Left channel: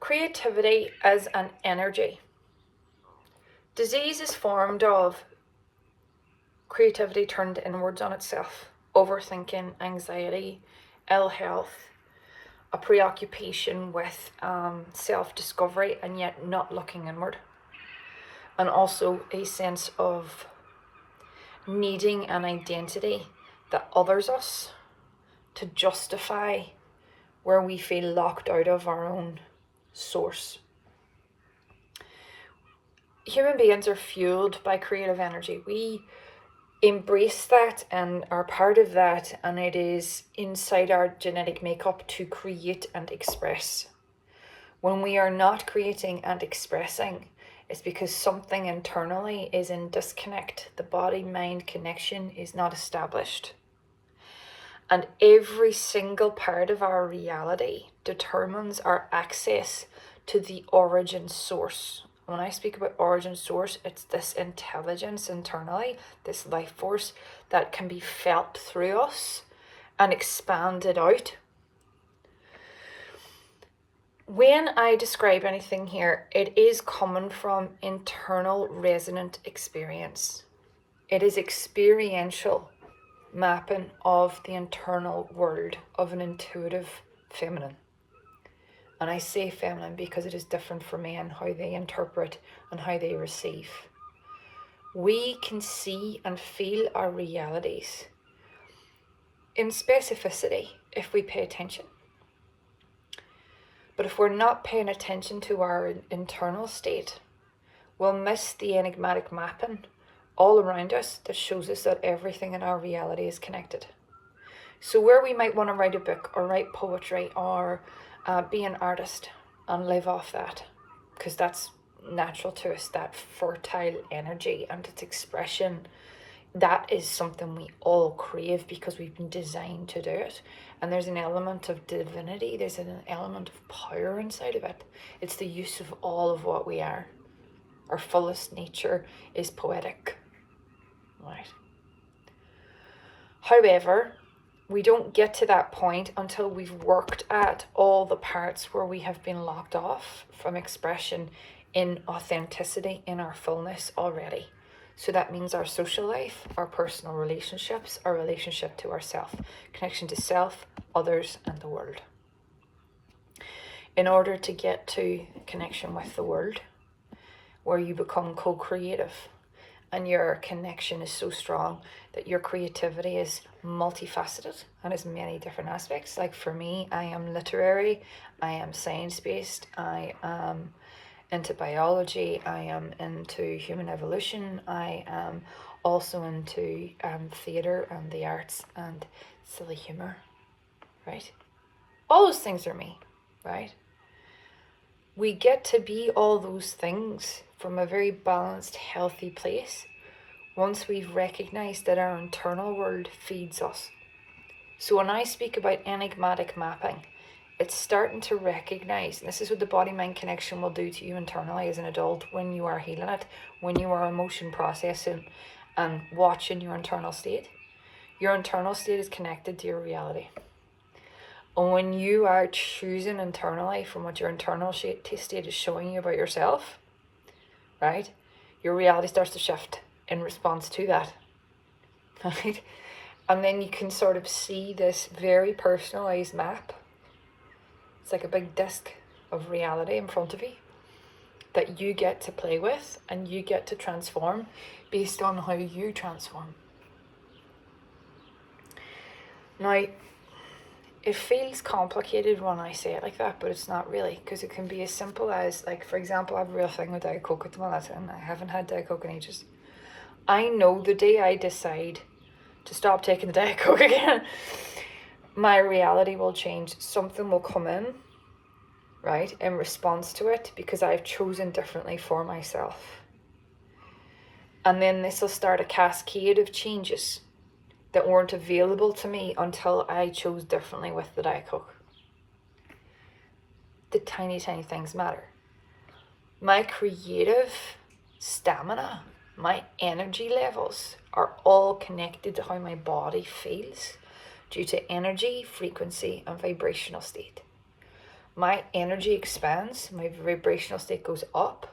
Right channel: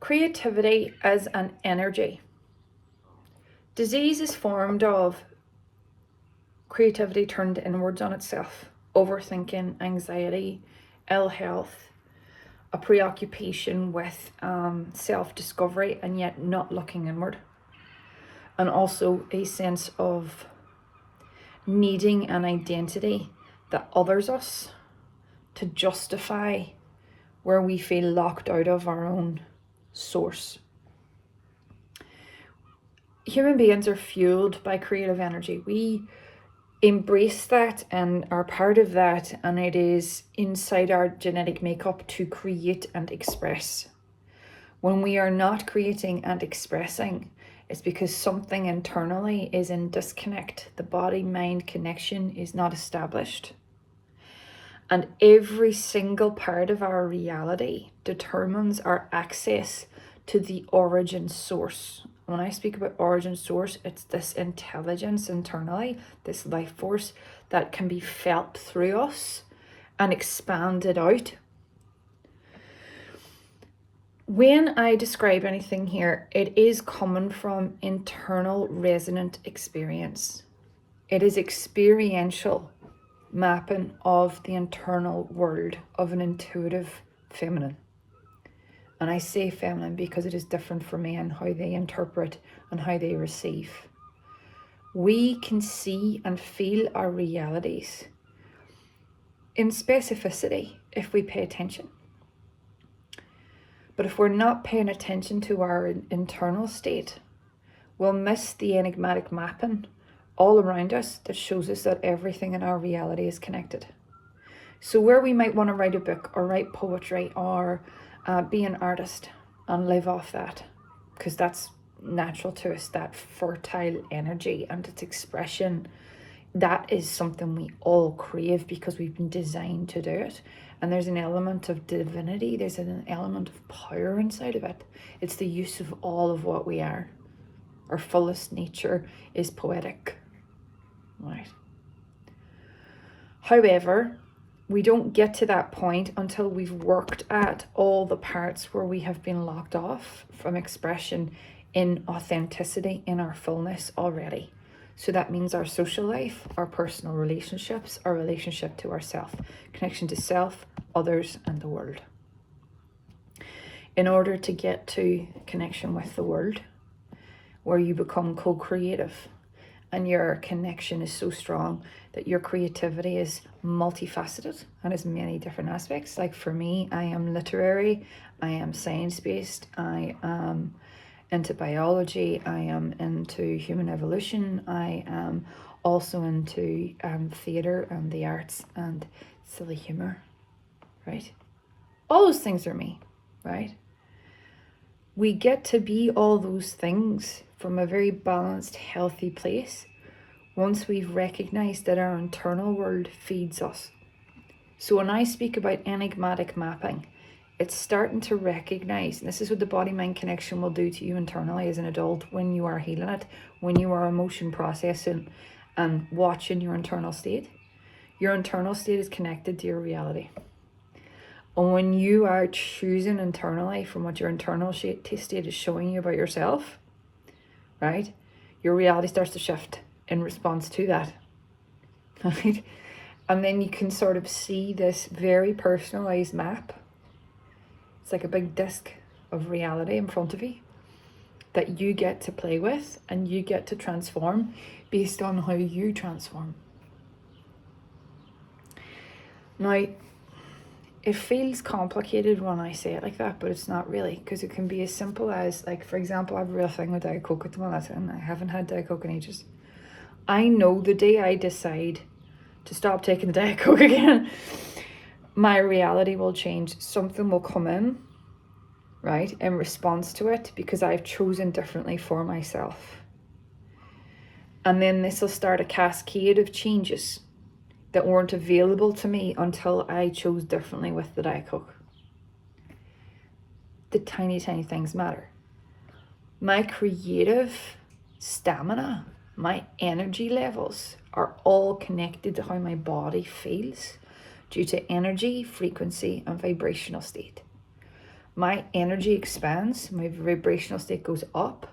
Creativity as an energy. Disease is formed of creativity turned inwards on itself, overthinking, anxiety, ill health, a preoccupation with self-discovery and yet not looking inward, and also a sense of needing an identity that others us to justify where we feel locked out of our own source. Human beings are fueled by creative energy. We embrace that and are part of that, and it is inside our genetic makeup to create and express. When we are not creating and expressing, it's because something internally is in disconnect. The body-mind connection is not established. And every single part of our reality determines our access to the origin source. When I speak about origin source, it's this intelligence internally, this life force that can be felt through us and expanded out. When I describe anything here, it is coming from internal resonant experience. It is experiential mapping of the internal world of an intuitive feminine. And I say feminine because it is different for men, how they interpret and how they receive. We can see and feel our realities in specificity if we pay attention. But if we're not paying attention to our internal state, we'll miss the enigmatic mapping all around us that shows us that everything in our reality is connected. So where we might want to write a book or write poetry or be an artist and live off that, because that's natural to us, that fertile energy and its expression, that is something we all crave because we've been designed to do it. And there's an element of divinity, there's an element of power inside of it. It's the use of all of what we are. Our fullest nature is poetic, right? However, we don't get to that point until we've worked at all the parts where we have been locked off from expression in authenticity, in our fullness already. So that means our social life, our personal relationships, our relationship to ourself, connection to self, others, and the world. In order to get to connection with the world, where you become co-creative and your connection is so strong that your creativity is multifaceted and has many different aspects. Like for me, I am literary, I am science-based, I am into biology, I am into human evolution, I am also into theatre and the arts and silly humour, right? All those things are me, right? We get to be all those things from a very balanced, healthy place once we've recognized that our internal world feeds us. So when I speak about enigmatic mapping, it's starting to recognize, and this is what the body-mind connection will do to you internally as an adult when you are healing it, when you are emotion processing and watching your internal state. Your internal state is connected to your reality. And when you are choosing internally from what your internal state is showing you about yourself, right, your reality starts to shift in response to that, right? And then you can sort of see this very personalized map. It's like a big disc of reality in front of you that you get to play with and you get to transform based on how you transform. Now, it feels complicated when I say it like that, but it's not really, because it can be as simple as, like, for example, I have a real thing with Diet Coke at the moment, and I haven't had Diet Coke in ages. I know the day I decide to stop taking the Diet Coke again, my reality will change. Something will come in, right, in response to it, because I've chosen differently for myself. And then this will start a cascade of changes that weren't available to me until I chose differently with the Diet Coke. The tiny, tiny things matter. My creative stamina, my energy levels are all connected to how my body feels due to energy, frequency, and vibrational state. my energy expands, my vibrational state goes up,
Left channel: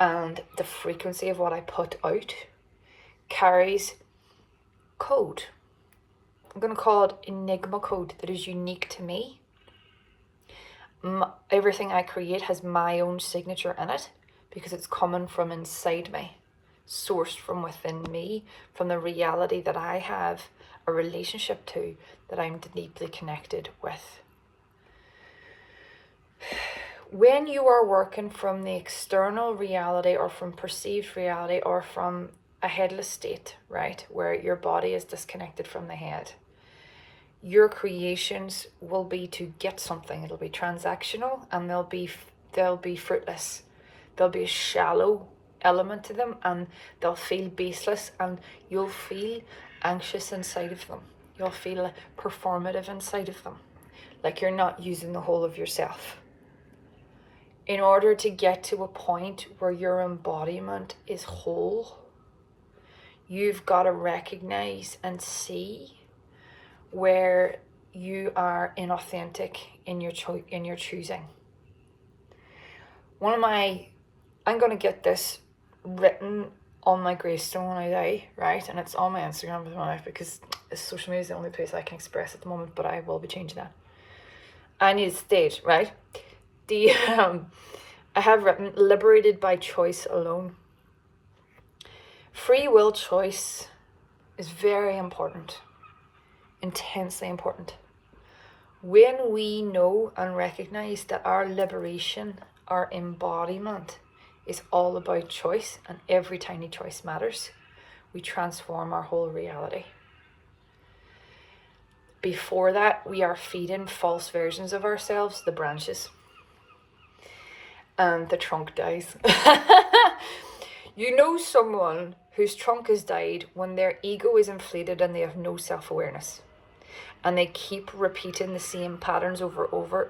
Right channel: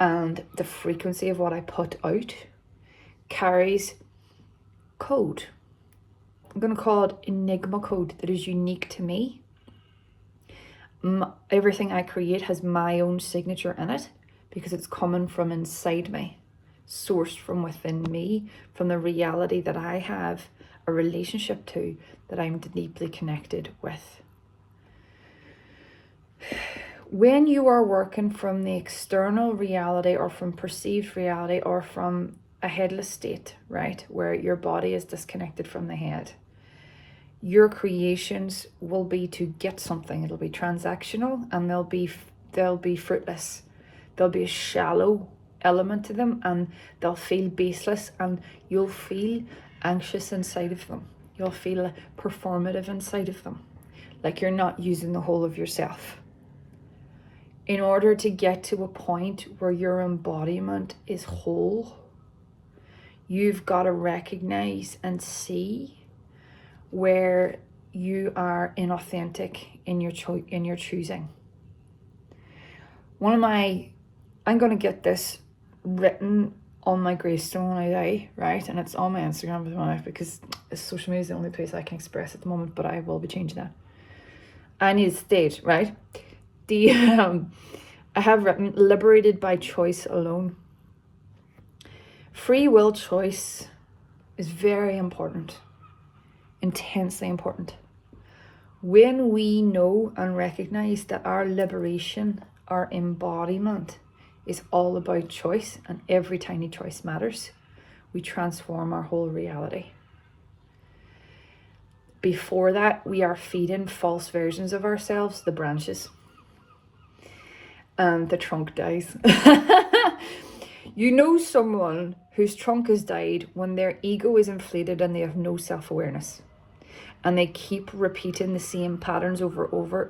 and the frequency of what I put out carries code. I'm going to call it enigma code that is unique to me. Everything I create has my own signature in it because it's coming from inside me, sourced from within me, from the reality that I have a relationship to, that I'm deeply connected with. When you are working from the external reality or from perceived reality or from a headless state, right, where your body is disconnected from the head, your creations will be to get something. It'll be transactional, and they'll be fruitless. There'll be a shallow element to them, and they'll feel baseless, and you'll feel anxious inside of them. You'll feel performative inside of them, like you're not using the whole of yourself. In order to get to a point where your embodiment is whole, you've got to recognize and see where you are inauthentic in your choosing. I'm going to get this written on my gravestone when I die, right? And it's on my Instagram as well, because social media is the only place I can express at the moment, but I will be changing that. I need a stage, right? I have written, liberated by choice alone. Free will choice is very important, intensely important. When we know and recognize that our liberation, our embodiment is all about choice, and every tiny choice matters, we transform our whole reality. Before that, we are feeding false versions of ourselves, the branches, and the trunk dies. You know someone whose trunk has died when their ego is inflated and they have no self-awareness, and they keep repeating the same patterns over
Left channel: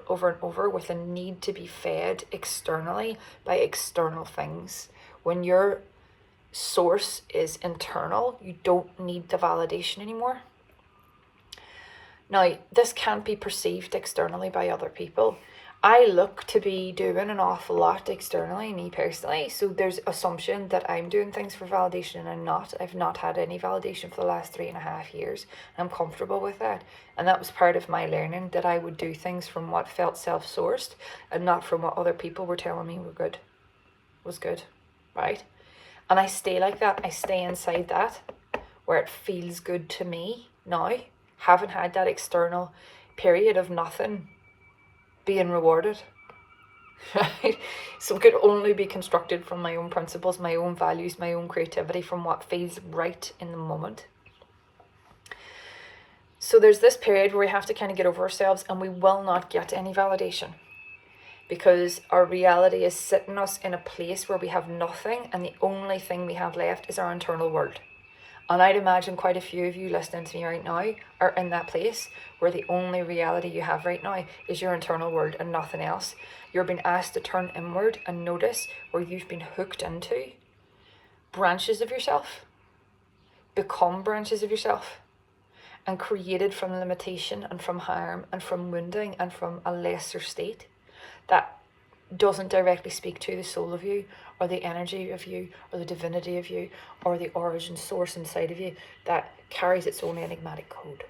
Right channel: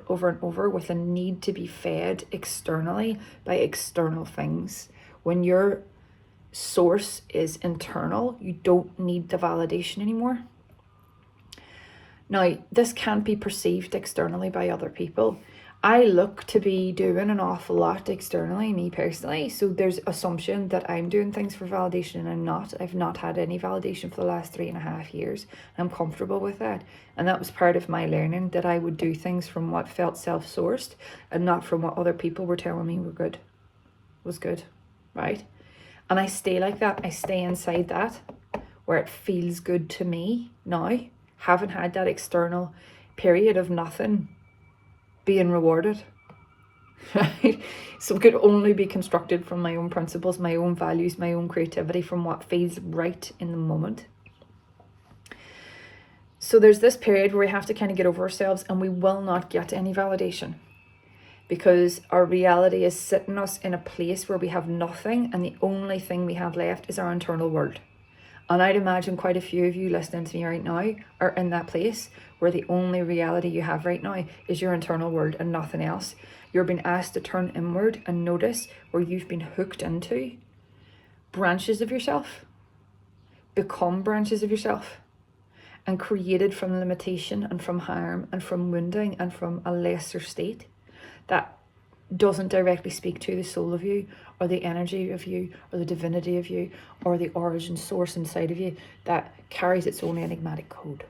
and over with a need to be fed externally by external things. When your source is internal, you don't need the validation anymore. Now, this can't be perceived externally by other people. I look to be doing an awful lot externally, me personally, so there's assumption that I'm doing things for validation, and I'm not. I've not had any validation for the last 3.5 years. I'm comfortable with that, and that was part of my learning, that I would do things from what felt self-sourced and not from what other people were telling me was good, right? And I stay like that. I stay inside that where it feels good to me now. Haven't had that external period of nothing being rewarded, right? So it could only be constructed from my own principles, my own values, my own creativity, from what feels right in the moment. So there's this period where we have to kind of get over ourselves, and we will not get any validation because our reality is sitting us in a place where we have nothing, and the only thing we have left is our internal world. And I'd imagine quite a few of you listening to me right now are in that place where the only reality you have right now is your internal world and nothing else. You're being asked to turn inward and notice where you've been hooked into branches of yourself, become branches of yourself, and created from limitation and from harm and from wounding and from a lesser state that doesn't directly speak to the soul of you, or the energy of you, or the divinity of you, or the origin source inside of you that carries its own enigmatic code.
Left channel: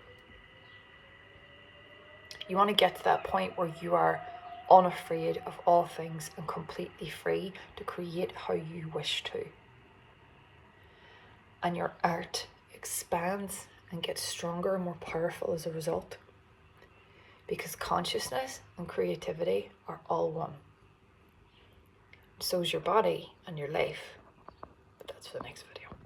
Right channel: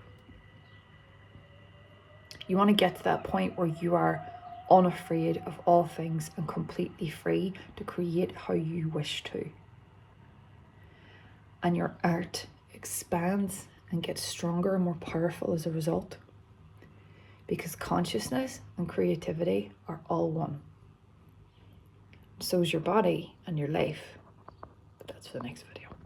You want to get to that point where you are unafraid of all things and completely free to create how you wish to. And your art expands and gets stronger and more powerful as a result, because consciousness and creativity are all one. So is your body and your life. But that's for the next video.